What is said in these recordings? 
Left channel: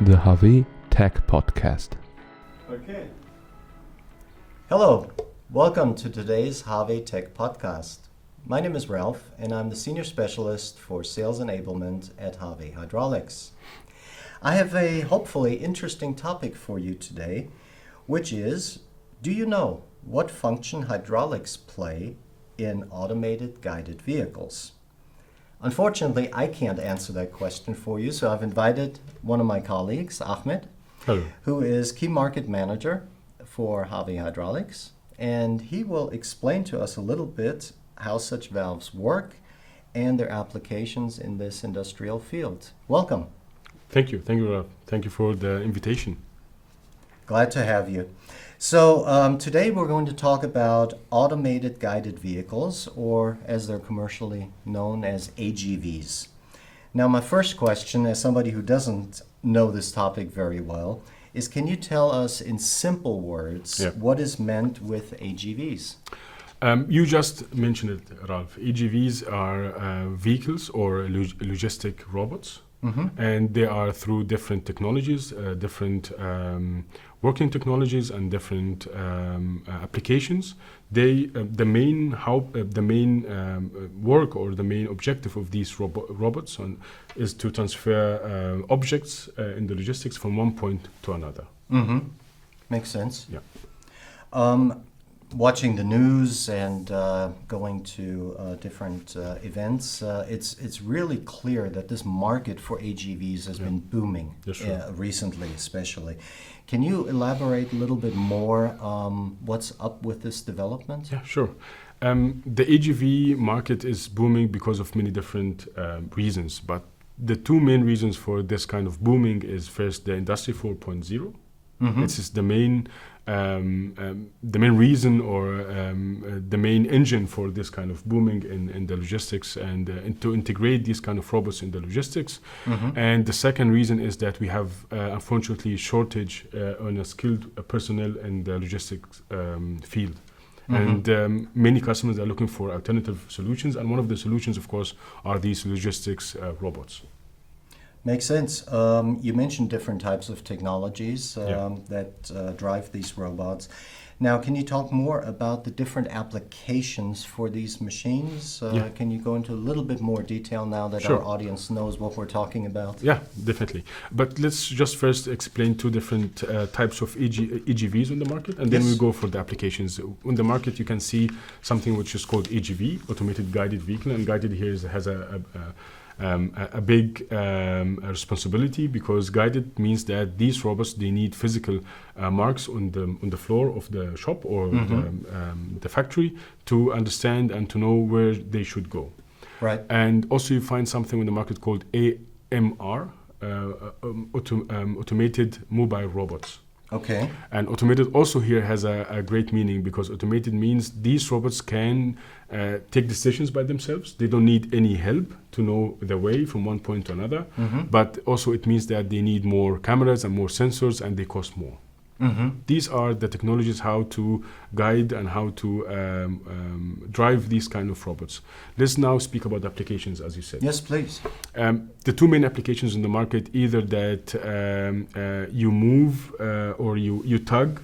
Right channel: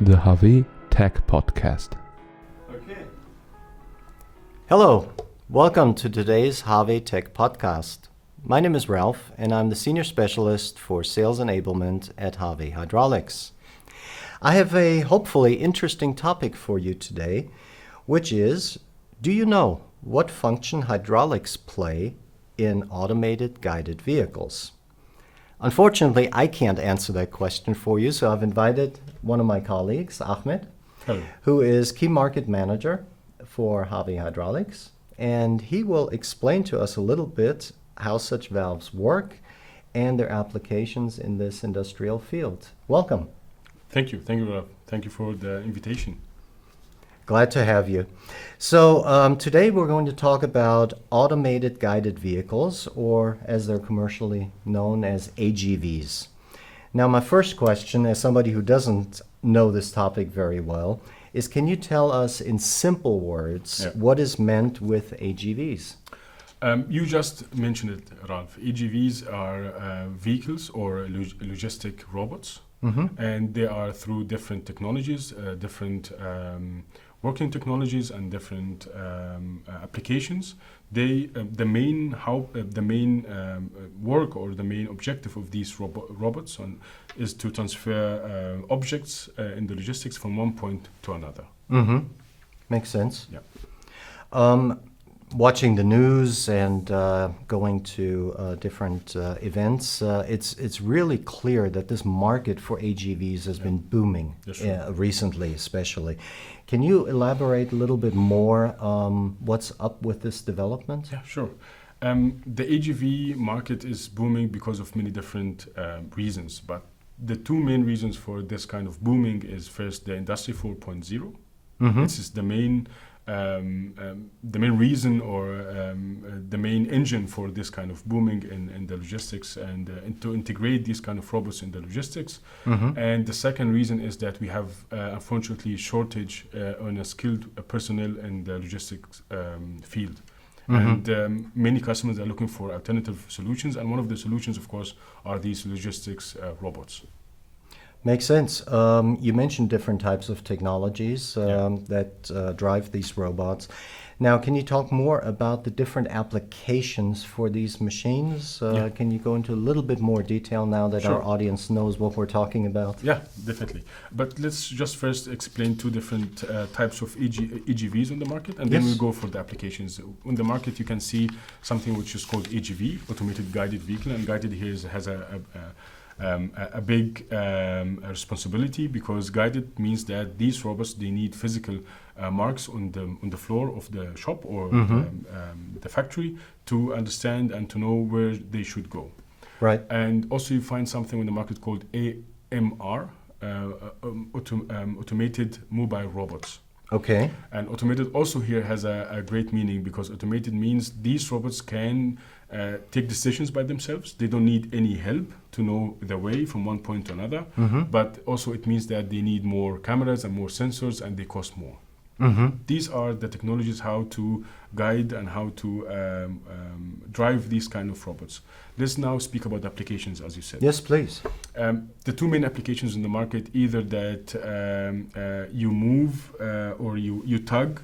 the HAWE Tech Podcast. Okay. Hello, welcome to today's HAWE Tech Podcast. My name is Ralph, and I'm the Senior Specialist for Sales Enablement at HAWE Hydraulics. I have a hopefully interesting topic for you today, which is, do you know what function hydraulics play in automated guided vehicles? Unfortunately, I can't answer that question for you, so I've invited one of my colleagues, Ahmed, Hello. who is Key Market Manager for HAWE Hydraulics, and he will explain to us a little bit how such valves work and their applications in this industrial field. Welcome. Thank you. Thank you for the invitation. Glad to have you. So today we're going to talk about automated guided vehicles, or as they're commercially known as AGVs. Now, my first question, as somebody who doesn't know this topic very well, is can you tell us in simple words what is meant with AGVs? You just mentioned it, Ralph. AGVs are vehicles or logistic robots, and they are through different technologies, different working technologies, and different applications. The main work or the main objective of these robots is to transfer objects in the logistics from one point to another. Makes sense. Yeah. Watching the news and going to different events, it's really clear that this market for AGVs has been booming recently, especially. Can you elaborate a little bit more what's up with this development? Yeah, sure. The AGV market is booming because of many different reasons, but the two main reasons for this kind of booming is first the Industry 4.0. This is the main reason or the main engine for this kind of booming in the logistics and to integrate these kind of robots in the logistics. And the second reason is that we have unfortunately shortage on a skilled personnel in the logistics field. And many customers are looking for alternative solutions, and one of the solutions, of course, are these logistics robots. Makes sense. You mentioned different types of technologies that drive these robots. Now, can you talk more about the different applications for these machines? Can you go into a little bit more detail now that our audience knows what we're talking about? Yeah, definitely. But let's just first explain two different types of AGVs on the market, and then we go for the applications. On the market, you can see something which is called AGV, Automated Guided Vehicle, and guided here has a big responsibility, because guided means that these robots, they need physical marks on the floor of the shop or the factory to understand and to know where they should go. Right. And also you find something on the market called AMR, Automated Mobile Robots. Okay. And automated also here has a great meaning, because automated means these robots can take decisions by themselves. They don't need any help to know the way from one point to another. But also it means that they need more cameras and more sensors, and they cost more. These are the technologies how to guide and how to drive these kind of robots. Let's now speak about the applications, as you said. Yes, please. The two main applications in the market, either that you move or you tug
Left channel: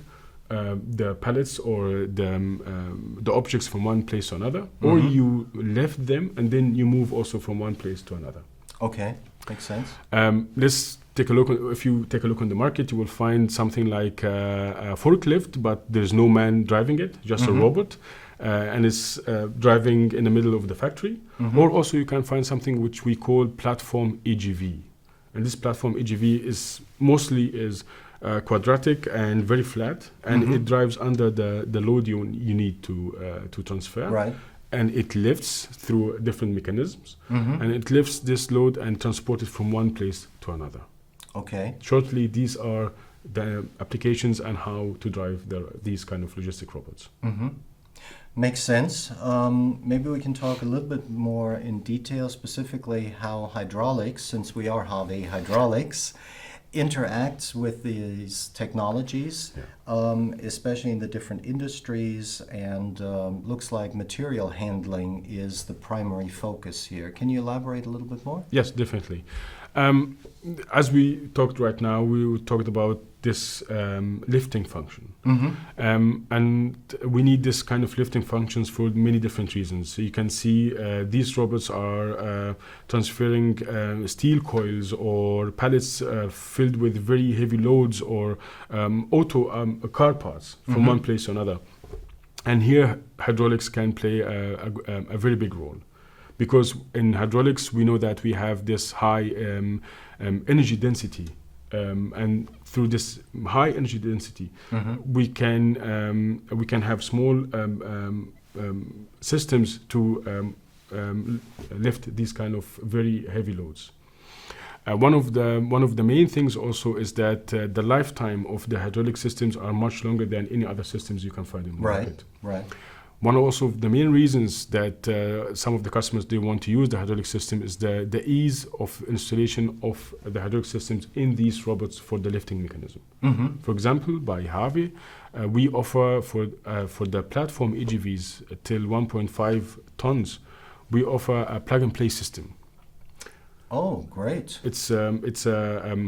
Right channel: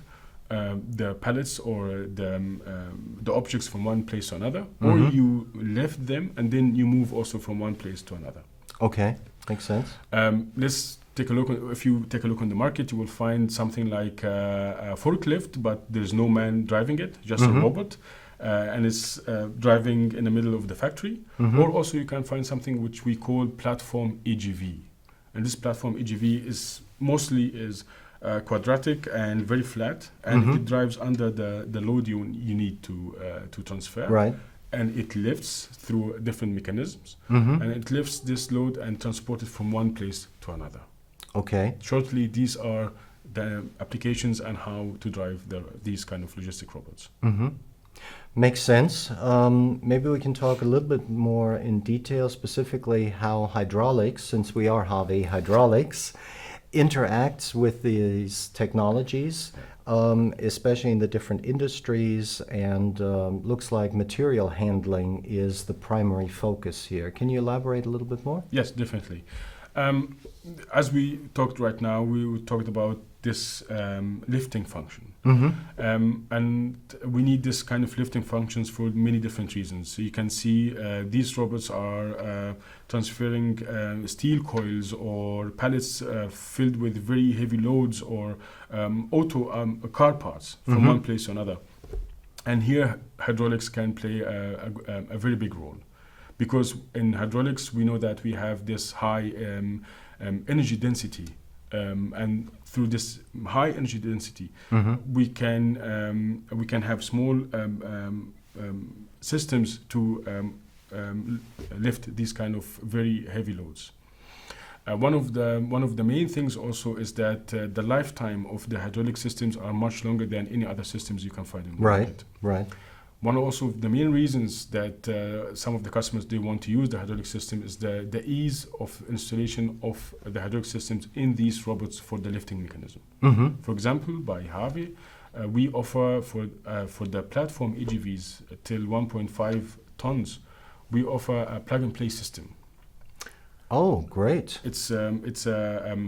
the pallets or the objects from one place to another, or you lift them and then you move also from one place to another. Okay, makes sense. Let's take a look. If you take a look on the market, you will find something like a forklift, but there's no man driving it, just a robot, and it's driving in the middle of the factory. Or also you can find something which we call platform AGV, and this platform AGV is mostly quadratic and very flat, and it drives under the load you need to transfer. Right. And it lifts through different mechanisms, and it lifts this load and transports it from one place to another. Okay. Shortly, these are the applications and how to drive these kind of logistic robots. Makes sense. Maybe we can talk a little bit more in detail, specifically how hydraulics, since we are HAWE Hydraulics, interacts with these technologies, especially in the different industries, and looks like material handling is the primary focus here. Can you elaborate a little bit more? Yes, definitely. As we talked right now, we talked about this lifting function. And we need this kind of lifting functions for many different reasons. So you can see these robots are transferring steel coils or pallets filled with very heavy loads or car parts from one place to another. And here hydraulics can play a very big role. Because in hydraulics, we know that we have this high energy density. And through this high energy density, we can have small systems to lift these kind of very heavy loads. One of the main things also is that the lifetime of the hydraulic systems are much longer than any other systems you can find in the market. Right. One also of the main reasons that some of the customers they want to use the hydraulic system is the ease of installation of the hydraulic systems in these robots for the lifting mechanism. For example, by HAWE, we offer for the platform AGVs till 1.5 tons, we offer a plug-and-play system. Oh, great. It's a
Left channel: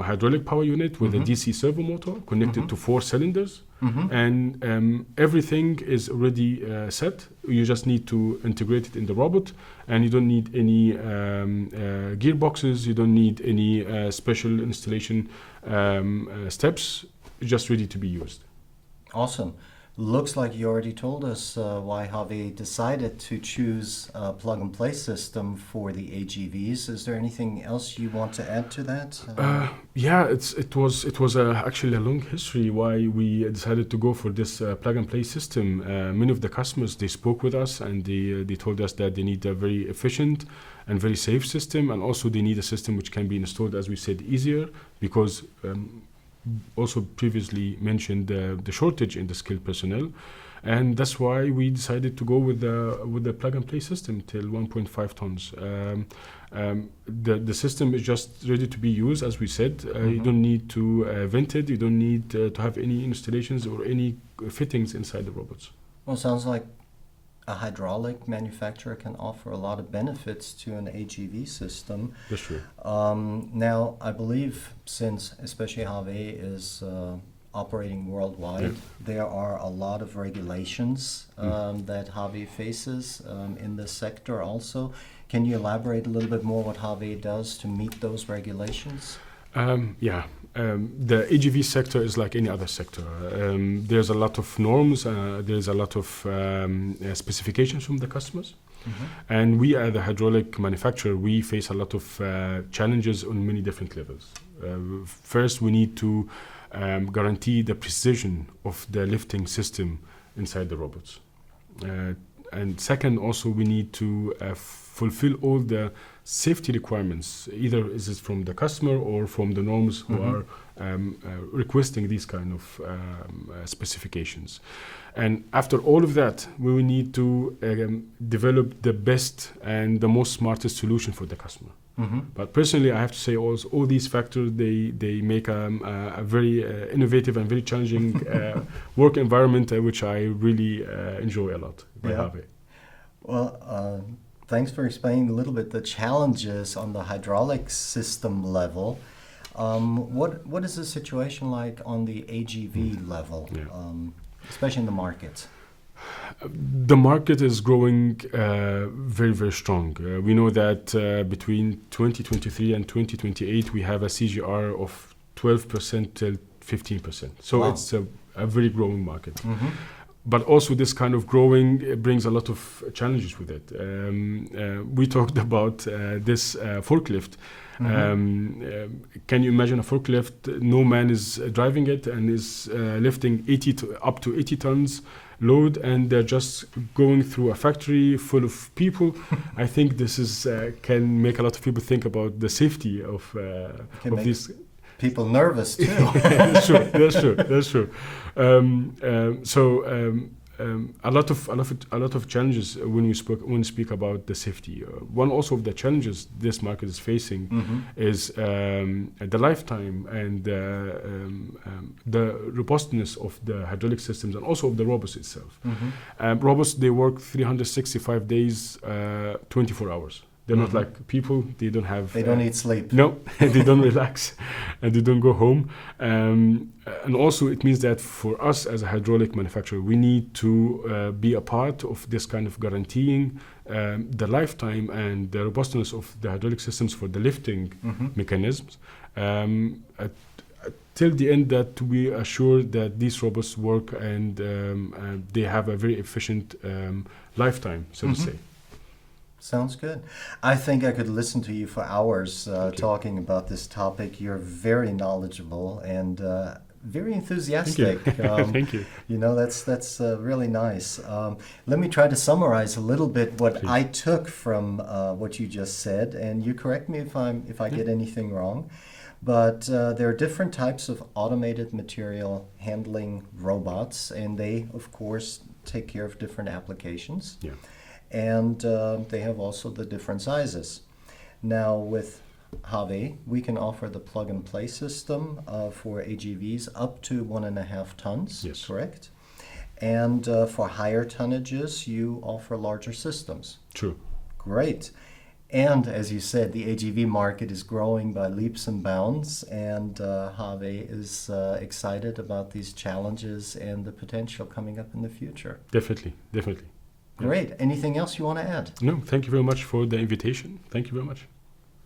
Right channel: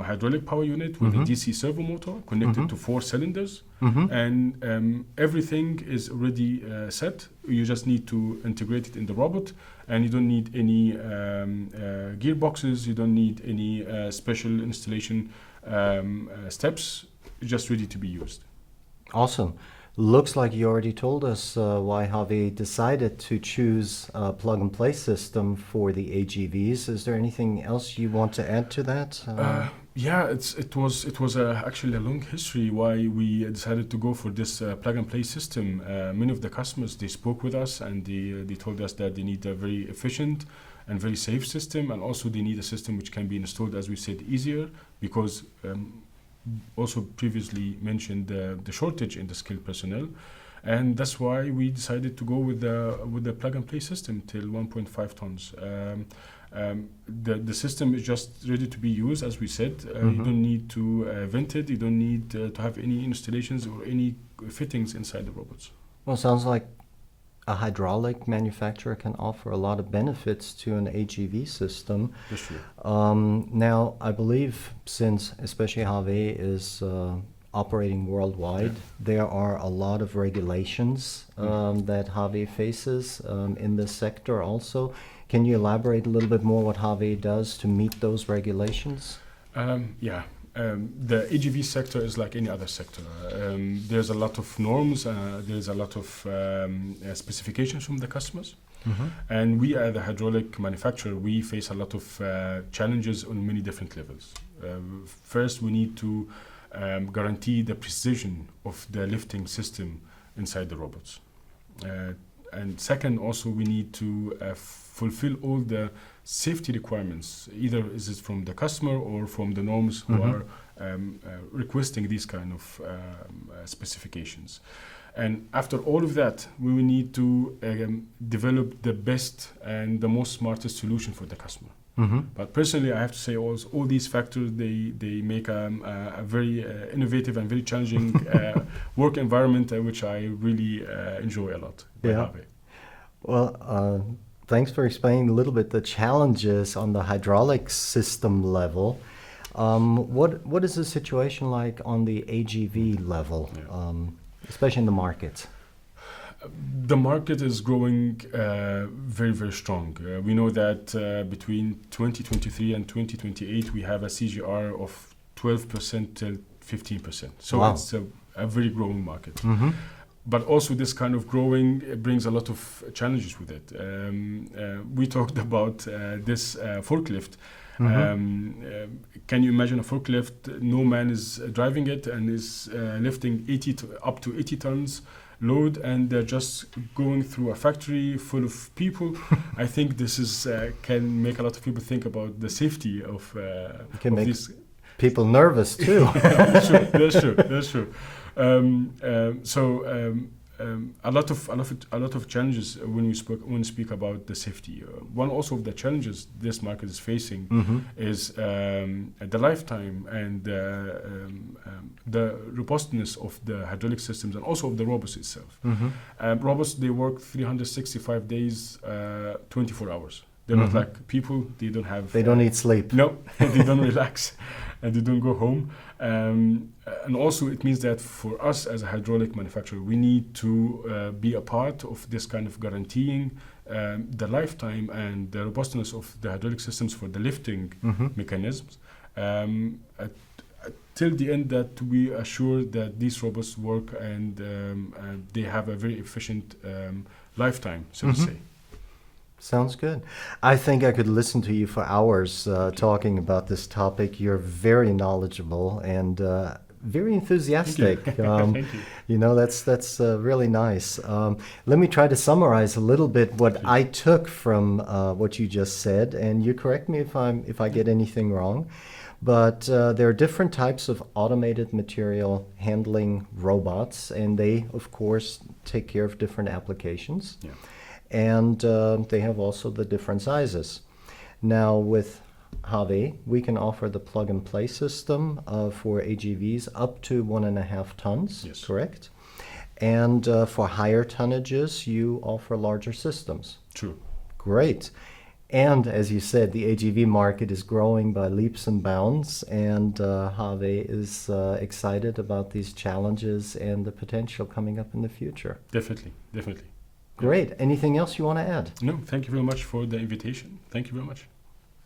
hydraulic power unit with a DC servo motor connected to 4 cylinders. And everything is already set. You just need to integrate it in the robot, and you don't need any gearboxes. You don't need any special installation steps. Just ready to be used. Awesome. Looks like you already told us why HAWE decided to choose a plug-and-play system for the AGVs. Is there anything else you want to add to that? Yeah, it was actually a long history why we decided to go for this plug-and-play system. Many of the customers, they spoke with us and they told us that they need a very efficient and very safe system, and also they need a system which can be installed, as we said, easier, because also previously mentioned the shortage in the skilled personnel, and that's why we decided to go with the plug-and-play system till 1.5 tons. The system is just ready to be used, as we said. You don't need to vent it. You don't need to have any installations or any fittings inside the robots. Well, it sounds like a hydraulic manufacturer can offer a lot of benefits to an AGV system. That's true. Now, I believe since especially HAWE is operating worldwide, there are a lot of regulations that HAWE faces in this sector also. Can you elaborate a little bit more what HAWE does to meet those regulations? The AGV sector is like any other sector. There's a lot of norms, there's a lot of specifications from the customers. And we as a hydraulic manufacturer, we face a lot of challenges on many different levels. First, we need to guarantee the precision of the lifting system inside the robots. And second, also we need to fulfill all the safety requirements, either is it from the customer or from the norms who are requesting these kind of specifications. And after all of that, we will need to develop the best and the most smartest solution for the customer. But personally, I have to say all these factors, they make a very innovative and very challenging work environment, which I really enjoy a lot. Well, thanks for explaining a little bit the challenges on the hydraulic system level. What is the situation like on the AGV level, especially in the market? The market is growing very, very strong. We know that between 2023 and 2028, we have a CGR of 12% till 15%. So it's a very growing market. But also this kind of growing brings a lot of challenges with it. We talked about this forklift. Can you imagine a forklift? No man is driving it and is lifting up to 80 tons load, and they're just going through a factory full of people. I think this is can make a lot of people think about the safety of these people nervous too. That's true. A lot of challenges when we speak about the safety. One also of the challenges this market is facing is the lifetime and the robustness of the hydraulic systems and also of the robots itself. Robots, they work 365 days, 24 hours. They're not like people. They don't have. They don't need sleep. No, they don't relax, and they don't go home. And also, it means that for us as a hydraulic manufacturer, we need to be a part of this kind of guaranteeing the lifetime and the robustness of the hydraulic systems for the lifting mechanisms. Till the end, that we assure that these robots work and they have a very efficient lifetime, so to say. Sounds good. I think I could listen to you for hours talking about this topic. You're very knowledgeable and very enthusiastic. Thank you. You know, that's really nice. Let me try to summarize a little bit what I took from what you just said, and you correct me if I get anything wrong. But there are different types of automated material handling robots, and they, of course, take care of different applications. Yeah. And they have also the different sizes. Now with HAWE, we can offer the plug-and-play system for AGVs up to 1.5 tons, Yes. correct? And for higher tonnages, you offer larger systems. True. Great. And as you said, the AGV market is growing by leaps and bounds, and HAWE is excited about these challenges and the potential coming up in the future. Definitely. Great. Anything else you want to add? No, thank you very much for the invitation. Thank you very much.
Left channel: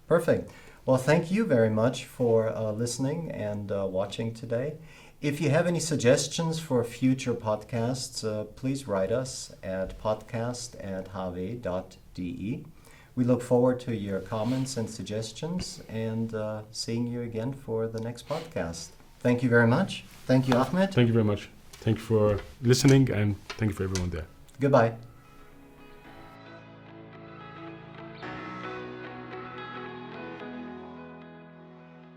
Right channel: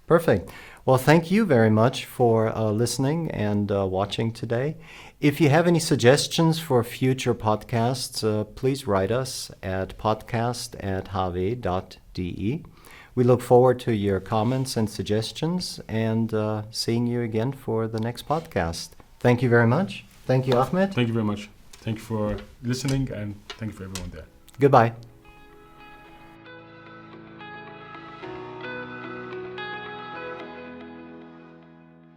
Perfect. Well, thank you very much for listening and watching today. If you have any suggestions for future podcasts, please write us at podcast@hawe.de. We look forward to your comments and suggestions and seeing you again for the next podcast. Thank you very much. Thank you, Ahmed. Thank you very much. Thank you for listening, and thank you for everyone there. Goodbye.